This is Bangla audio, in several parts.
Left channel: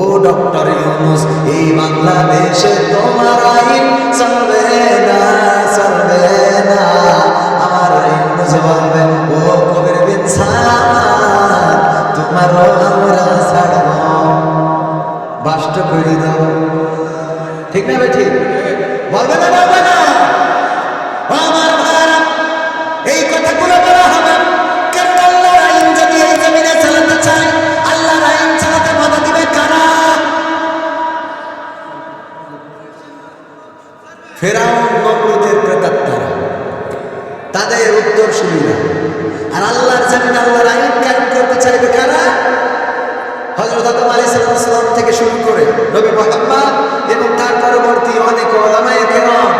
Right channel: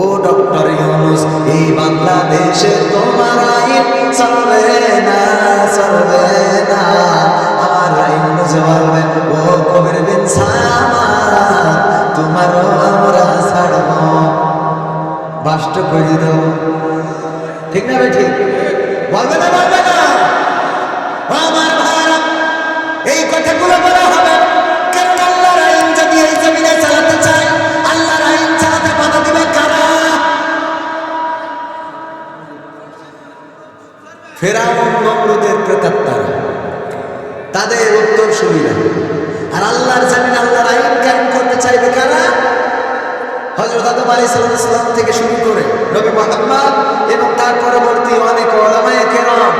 ও ডক্টর ইউনূস, এই বাংলাদেশে তোমার আইন চলবে না, চলবে না। আমার ইউনূস বলবে, ও কবির বিন সামাদ, তোমারও আমরা ছাড়ব, বাষ্ট করে দাও। ঠিক না ভাই? ঠিক বলবে না, বলবে না? আমার ভাইরা, এই কথাগুলো বলা হবে কারণ আল্লাহর আইন যদি এই জমিনে চালাতে চায়, আল্লাহর আইন চালাতে বাধা দিবে কারা? ফেরাউন, নমরুদের প্রেতাত্মারা, তাদের উত্তরসূরিরা। আর আল্লাহর জমিনে আল্লাহর আইন কায়েম করতে চাইবে কারা? হযরত আদম আলাইহিস সালাম থেকে শুরু করে নবী মুহাম্মদ এবং তার পরবর্তী অনেক উলামায়ে কেরাম,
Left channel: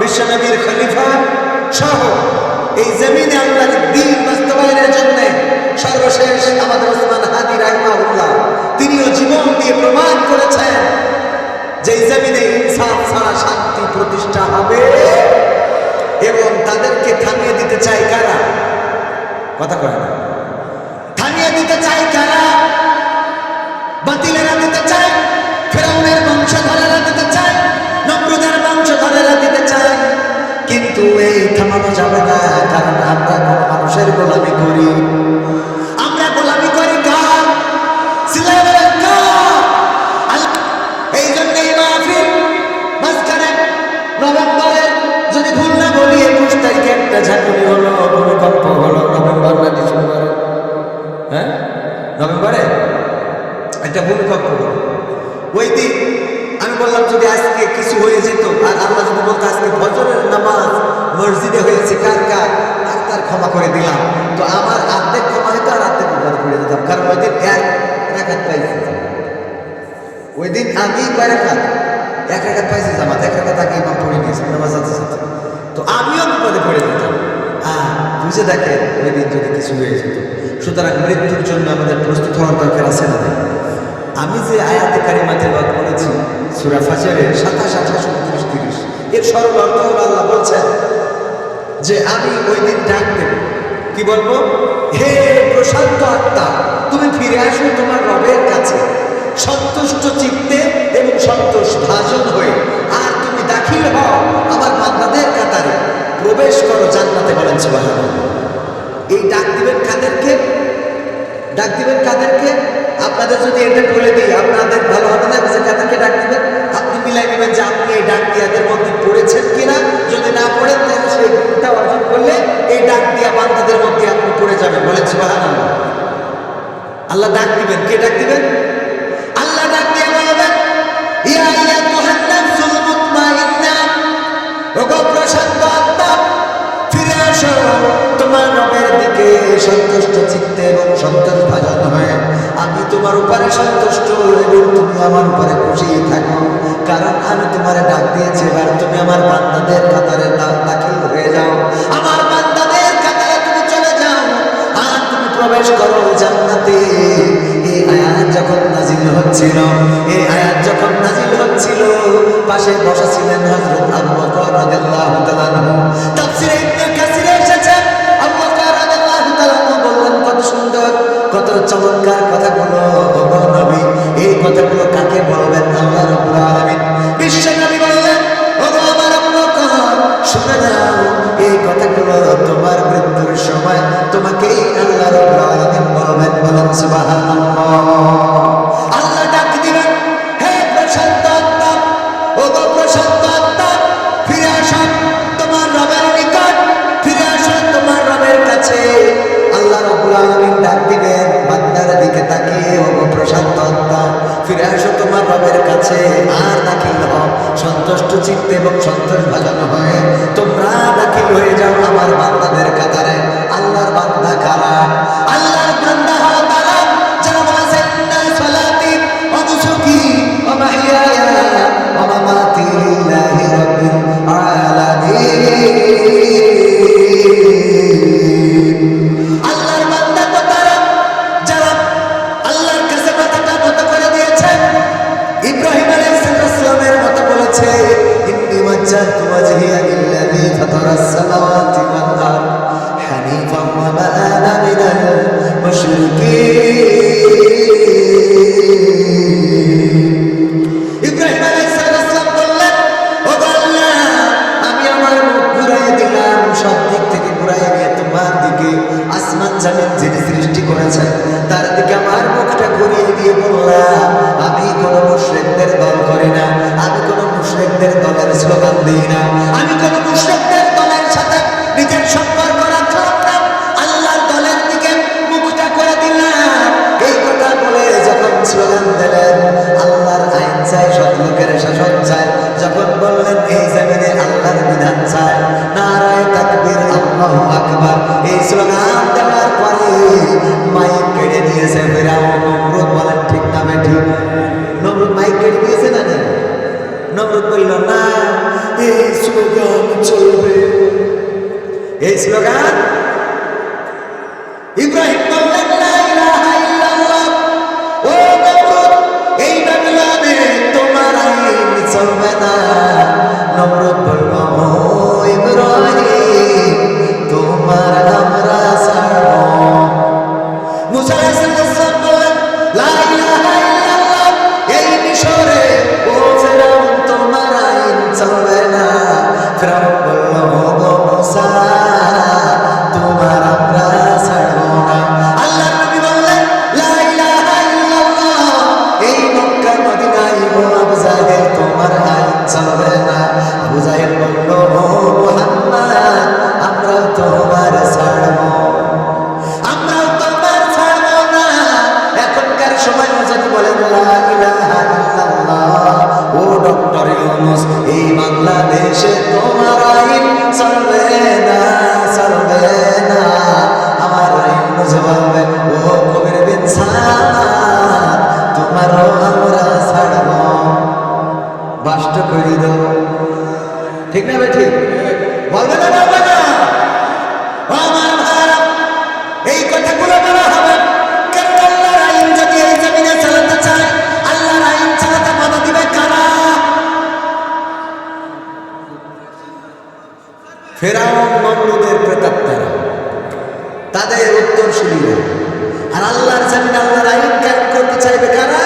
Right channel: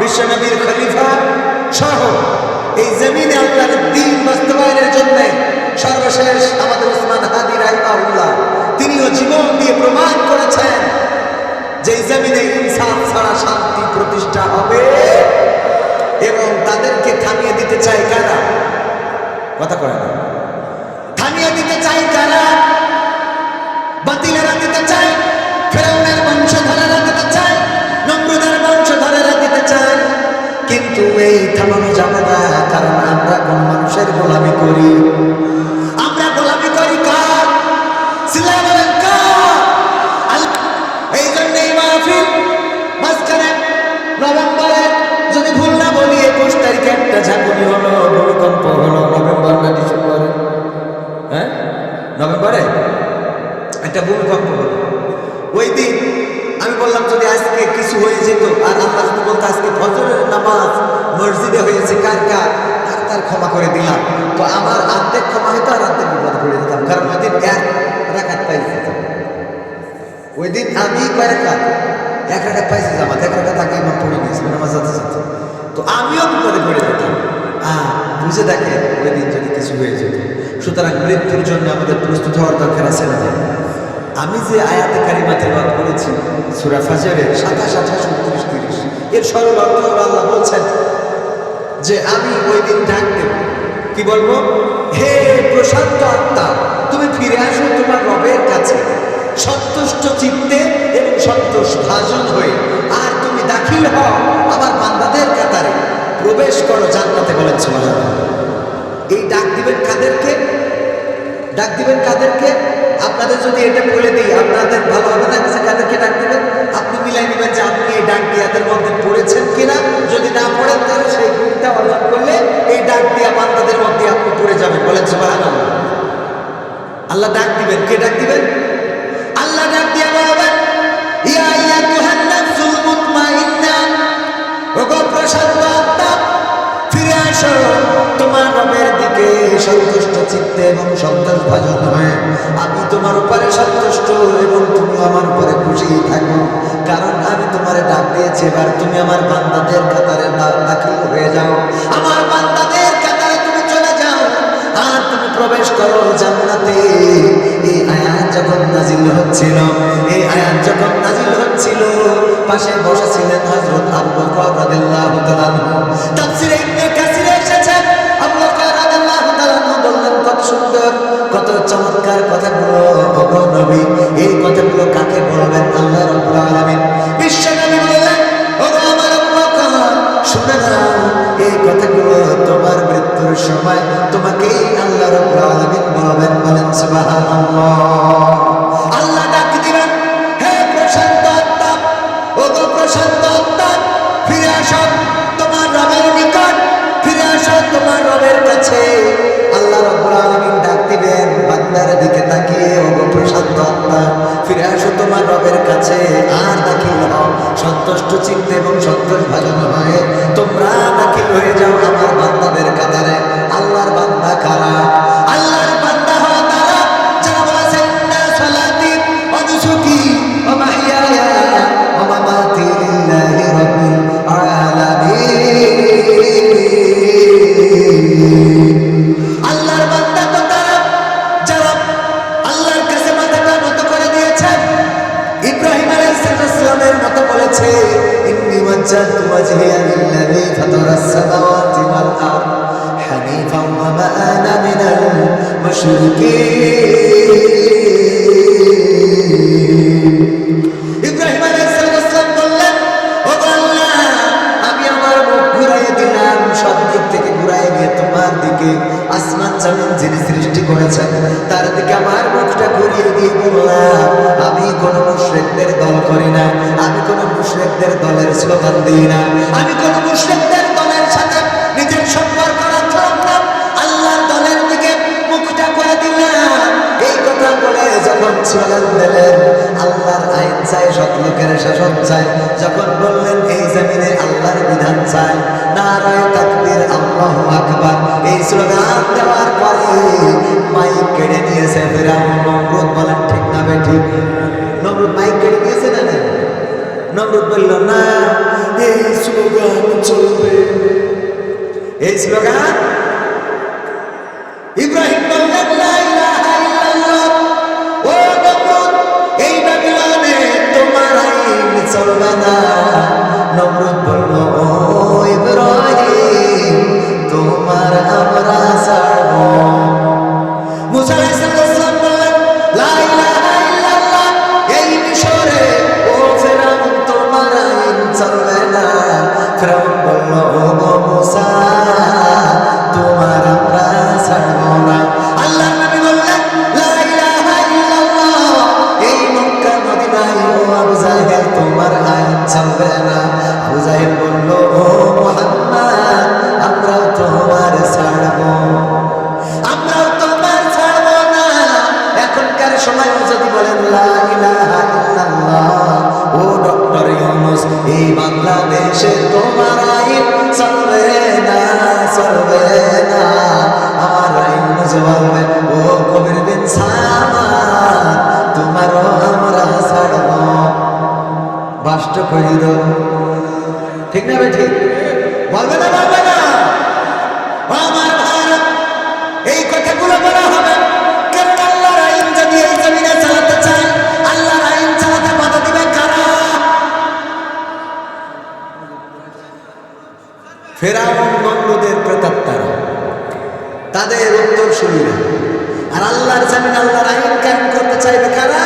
বিশ্বনবীর খলিফা সহ এই জমিনে আল্লাহর দ্বীন বাস্তবায়নের জন্য সর্বশেষ আমাদের ওসমান হাদি রাহিমাহুল্লাহ, তিনিও জীবন দিয়ে প্রমাণ করেছেন যে এই জমিনে ইনসাফ ছাড়া শান্তি প্রতিষ্ঠা হবে। এবং তাদেরকে থামিয়ে দিতে চায় কারা? কথা কয় না। থামিয়ে দিতে চায় কারা? বাতিলেরা দিতে চায়, ফেরাউনের বংশধরেরা দিতে চায়, নমরুদের বংশধরেরা দিতে চায়। কিন্তু এই থামানো যাবে না, কারণ আমরা কোন মানুষের গোলামি করি। আমরা গোলামি করি কার? চিল্লায়ে বলেন কার? এই জন্য এই মাহফিল মাঝখানে নভেম্বরের, যদি ভুল না বলি 21 তারিখে একটা ঝাঁকুনি হলো, ভূমিকম্প হলো। নভেম্বর না ডিসেম্বরে? হ্যাঁ, নভেম্বরে একটা ভূমিকম্প হলো। ওই দিন আমি বললাম যদি আজকে কিছু হয়ে যেত, আর আল্লাহ যদি বলতো আজকে ফজরের নামাজ মসজিদে হয়েছে কার কার, তার ক্ষমা করে দিলাম, তো আমার অর্ধেক ক্ষমা হইতো আর অর্ধেক বিপদে পড়ে যেতাম। কারণ ওই দিন 1 রাকাত পাইছি। ওই দিন আমি কয় রাকাত? 1 রাকাত পাইছি জামাত, 1 রাকাত আগে ইমাম পড়ে নিয়েছিল নামাজ সাথে সাথে, তো আমিও বিপদে পড়ে যেতাম। বুঝে দেখেন ওই দিন যদি কিছু হয়ে যেত। সুতরাং মৃত্যুর জন্য আমাদের প্রস্তুত হওয়ার দরকার আছে না নাই? আমি যে আয়াতে কারিমা তেলাওয়াত করেছি সূরা ফাজরের 27, 28, 29, 30, এর সরল অর্থ হলো আল্লাহ বলছেন যে আমি ওই দিন ডাক দেব। কি বলবো? হে প্রশান্ত আত্মা, তুমি ফিরে আসো তোমার রবের কাছে সন্তুষ্ট চিত্তে এবং সন্তোষ ভাজন হয়ে, আর তুমি দাখিল হও আমার বান্দাদের কাতারে, প্রবেশ করো জান্নাতে। বলেন সুবহানাল্লাহ। এই ডাক দিবেন কাদেরকে? ডাক দিবেন কাদেরকে? আপনাদের যদি এটা বলে দিই আপনাদের ভালো হবে না? কাদেরকে ডাক দিবেন আপনি মিলাই নেবেন যে আপনি এই ডাক দিয়াদের মধ্যে পড়েছেন কিনা। যদি না পড়েন তাহলে সেই গুণটা অর্জন করলে এই ডাক দিয়া বান্দাদের মধ্যে আপনি পড়ে যাবেন। বলেন সুবহানাল্লাহ। আল্লাহ ডাক দিবেন। কে ডাক দিবেন? আল্লাহ ডাক দিয়া বলবেন, ইয়া আইয়াতুহান নাফসুল মুতমাইন্না, ওগো প্রশান্ত আত্মা, ফিরে আসো তোমার রবের দিকে সন্তুষ্ট চিত্তে এবং সন্তোষ ভাজন হয়ে। আমি তোমার উপরে সন্তুষ্ট এবং তুমি আমার উপরে খুশি থাকো, কারণ আমি তোমারে ডাক দিয়েছি। এবার তুমি আমার বান্দাদের কাতারে দাখিল হয়ে যাও, আমার বান্দাদের কাতারে তুমি চলে যাও, আর তুমি প্রবেশ করো জান্নাতে। এই আয়াত যখন নাজিল হচ্ছিল, এই আয়াত যখন নাজিল হচ্ছিল, পাশে বসা ছিলেন হযরত আবু বকর রাদিয়াল্লাহু তাআলা আনহু। তাফসীরে ইবনে কাসিরে এসেছে আবু বকর রাদিয়াল্লাহু তাআলা আনহু বললেন, কত সুন্দর, কত চমৎকার কথাগুলো ওগো নবী। এই কথাগুলো কাকে বলবেন? আল্লাহ রাব্বুল আলামিন। বিশ্ব নবী বললেন, ওগো আমার আবু বকর, শুনে নাও, এই কথাগুলো তোমার মৃত্যুর সময় তোমাকেই আল্লাহ রাব্বুল আলামিন বলবেন। বলেন সুবহানাল্লাহ। আল্লাহ ডাক দিবেন, হে প্রশান্ত আত্মা, ওগো প্রশান্ত আত্মা, ফিরে আসো তোমার রবের নিকট, ফিরে আসো তোমার রবের কাছে। আল্লাহ রাব্বুল আলামিন ডাক দিবেন বান্দার দিকে তাকিয়ে, ওগো প্রশান্ত আত্মা, ফিরে আসো তোমার রবের কাছে, আর দাখিল হও সন্তুষ্ট চিত্তে এবং সন্তোষ ভাজন হয়ে। তোমরা দাখিল হয়ে যাও আমার বান্দাদের কাতারে। আল্লাহর বান্দা কারা? আল্লাহর বান্দা হলো তারা যারা বলেছে, ইন্না সালাতি ওয়া নুসুকি ওয়া মাহইয়ায়া ওয়া মামাতি লিল্লাহি রাব্বিল আলামিন। আল্লাহর বান্দা তো তারা যারা আল্লাহর কাছে মাথাটা নত করে দিয়েছে। ইব্রাহিম আলাইহিস সালামের মতো বলেছে, ইন্নী ওয়াজ্জাহতু ওয়াজহিয়া লিল্লাযী ফাতারাস সামাওয়াতি ওয়াল আরদ হানিফান ওয়া মা আনা মিনাল মুশরিকিন। সব দিক থেকে ঘুরাই নিয়ে তোমার দিকে, আসমান জমিন যিনি সৃষ্টি করেছেন তার দিকে আমার মুখটা ঘুরিয়ে দিয়ে বললাম, আমি কোন মুশরিকদের দল করি না, আমি কোন মুশরিকদের দলের স্লোগান দিই না, আমি কোন মুশরিকদের দলের সাথে নিজের সম্পর্ক রাখলাম না, আল্লাহর দলের দিকে মুখটা করে দিলাম। এই কথা বলে যখন স্লোগান দিলেন, আল্লাহর আইন চাই, সৎ লোকের শাসন চাই, যখন বললেন এই জমিনে আল্লাহর বিধান চাই, নারায়ে তাকবীর, আল্লাহু আকবার, এই স্লোগান দেওয়ার পরে মাইক কেড়ে নিয়েছে ফিরাউন। নমরুদ বলেন ঠিক না বেঠিক? নমরুদ মাইক কেড়ে নিয়েছে না? নমরুদ বলল না, এই স্লোগান চলবে, এই স্লোগান। ইব্রাহিম বললেন লা ইলাহা ইল্লাল্লাহ। ও নমরুদ, এই বাবিলনে তোমার আইন চলবে না। নমরুদ বলল, ও ইব্রাহিম, তোমার আমরা ছাড়ব। মুসা আলাইহিস সালাম বললেন লা ইলাহা ইল্লাল্লাহ। এই মিশরে ও ফেরাউন, তোমার আইন চলবে না। ফেরাউন বলল, ও গো মুসা, তোমার আমরা ছাড়ব না। আল্লাহর নবী বললেন লা ইলাহা ইল্লাল্লাহ। এই মক্কা মদিনায় ও আবু জাহেল, তোমার আইন চলবে না। আবু জাহেল বলল, ও মুহাম্মদ, আমরাও তোমার ছাড়ব, আমরাও তোমার ছাড়ব না। এখনকার সময় যদি বলেন লা ইলাহা ইল্লাল্লাহ, ও ডক্টর ইউনূস, এই বাংলাদেশে তোমার আইন চলবে না, চলবে না। আমার ইউনূস বলবে, ও কবির বিন সামাদ, তোমারও আমরা ছাড়ব, বাষ্ট করে দাও। ঠিক না ভাই? ঠিক বলবে না? বলবে না? আমার ভাইরা, এই কথাগুলো বলা হবে কারণ আল্লাহর আইন যদি এই জমিনে চালাতে চায়, আল্লাহর আইন চালাতে বাধা দিবে কারা? ফেরাউন, নমরুদের প্রেতাত্মারা, তাদের উত্তরসূরিরা। আর আল্লাহর জমিনে আল্লাহর আইন কায়েম করতে চাইবে কারা?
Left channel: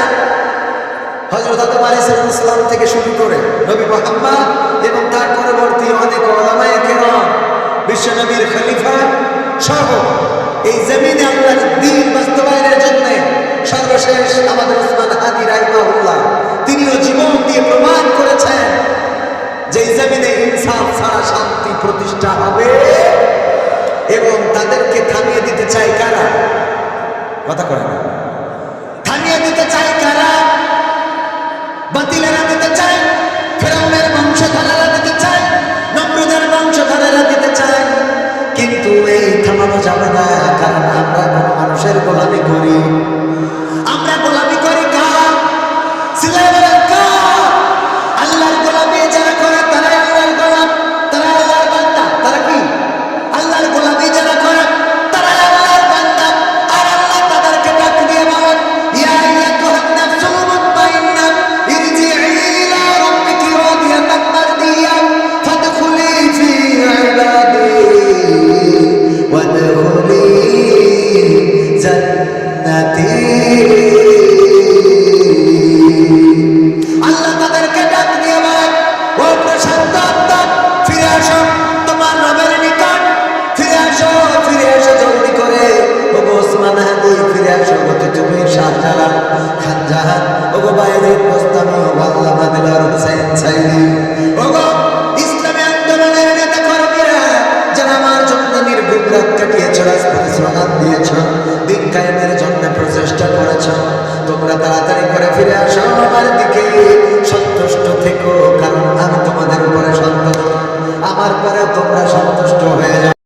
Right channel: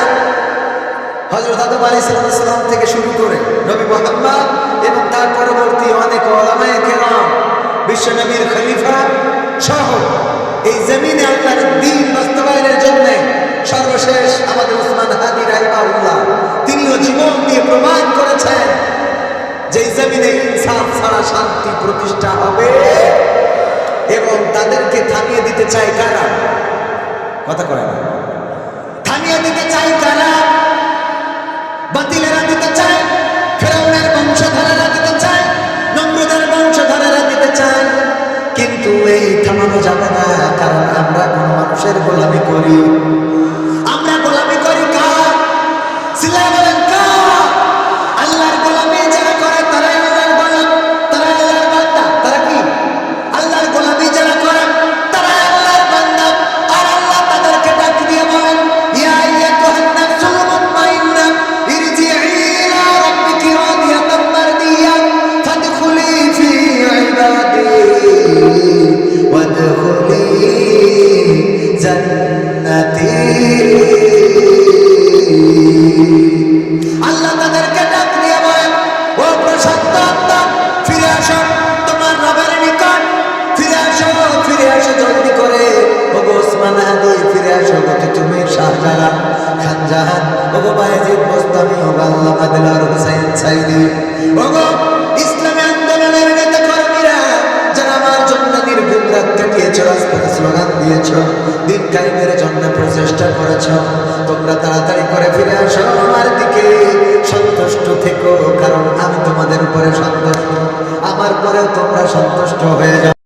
হযরত আদম আলাইহিস সালাম থেকে শুরু করে নবী মুহাম্মদ এবং তার পরবর্তী অনেক উলামায়ে কেরাম, বিশ্ব নবীর খলিফা সহ এই জমিনে আল্লাহর দ্বীন বাস্তবায়নের জন্য সর্বশেষ আমাদের ওসমান হাদি রাহিমাহুল্লাহ, তিনিও জীবন দিয়ে প্রমাণ করেছেন যে এই জমিনে ইনসাফ ছাড়া শান্তি প্রতিষ্ঠা হবে। এবং তাদেরকে থামিয়ে দিতে চায় কারা? কথা কয় না। থামিয়ে দিতে চায় কারা? বাতিলেরা দিতে চায়, ফেরাউনের বংশধরেরা দিতে চায়, নমরুদের বংশধরেরা দিতে চায়। কিন্তু এই থামানো যাবে না, কারণ আমরা কোন মানুষের গোলামি করি। আমরা গোলামি করি কার? সিল্লাহ বলেন কার? আল্লাহর গোলামি যারা করে তারাই আল্লাহর গোলাম, তারা আল্লাহর বান্দা। তারা কি? আল্লাহর গোলামি যারা করে তারাই আল্লাহর বান্দা। আর আল্লাহ তাদেরকে ডাক দিয়ে বলেন, ইয়া আইয়াতুহান নাফসুল মুতমাইন্নাহ ইরজিই ইলা রাব্বিকি রাদিয়াতাম মারদিয়া ফাদখুলি ফি ইবাদি ওয়াদখুলি জান্নাতি। আল্লাহ তাদেরকে ডাক দিয়ে বলেন, ও প্রশান্ত আত্মা, ফিরে আসো তোমার রবের নিকট, ফিরে আসো, ফিরে আসো জলদি করে। ও গো ওসমান হাদি, ফিরে আসো গো তুমি শাহজালাল, খান জাহান, ও গো বায়েজিদ বোস্তামি, ও গো আল্লামা দিলওয়ার হুসাইন সাইদি, ও গো ইসলামী আন্দোলনের নেতা কর্মীরা যারা আমার জন্য নির্ঘুম রাত কাটিয়েছ, রাজপথে স্লোগান দিয়েছ, দিন কায়েমের জন্য প্রচেষ্টা করেছ, তোমরা তাড়াতাড়ি করে ফিরে আসো আমার দিকে। সন্তুষ্ট থেকো, কারণ আমি তোমাদের উপরে সন্তুষ্ট, আমার পরেও তোমরা সন্তুষ্ট হয়ে যাও।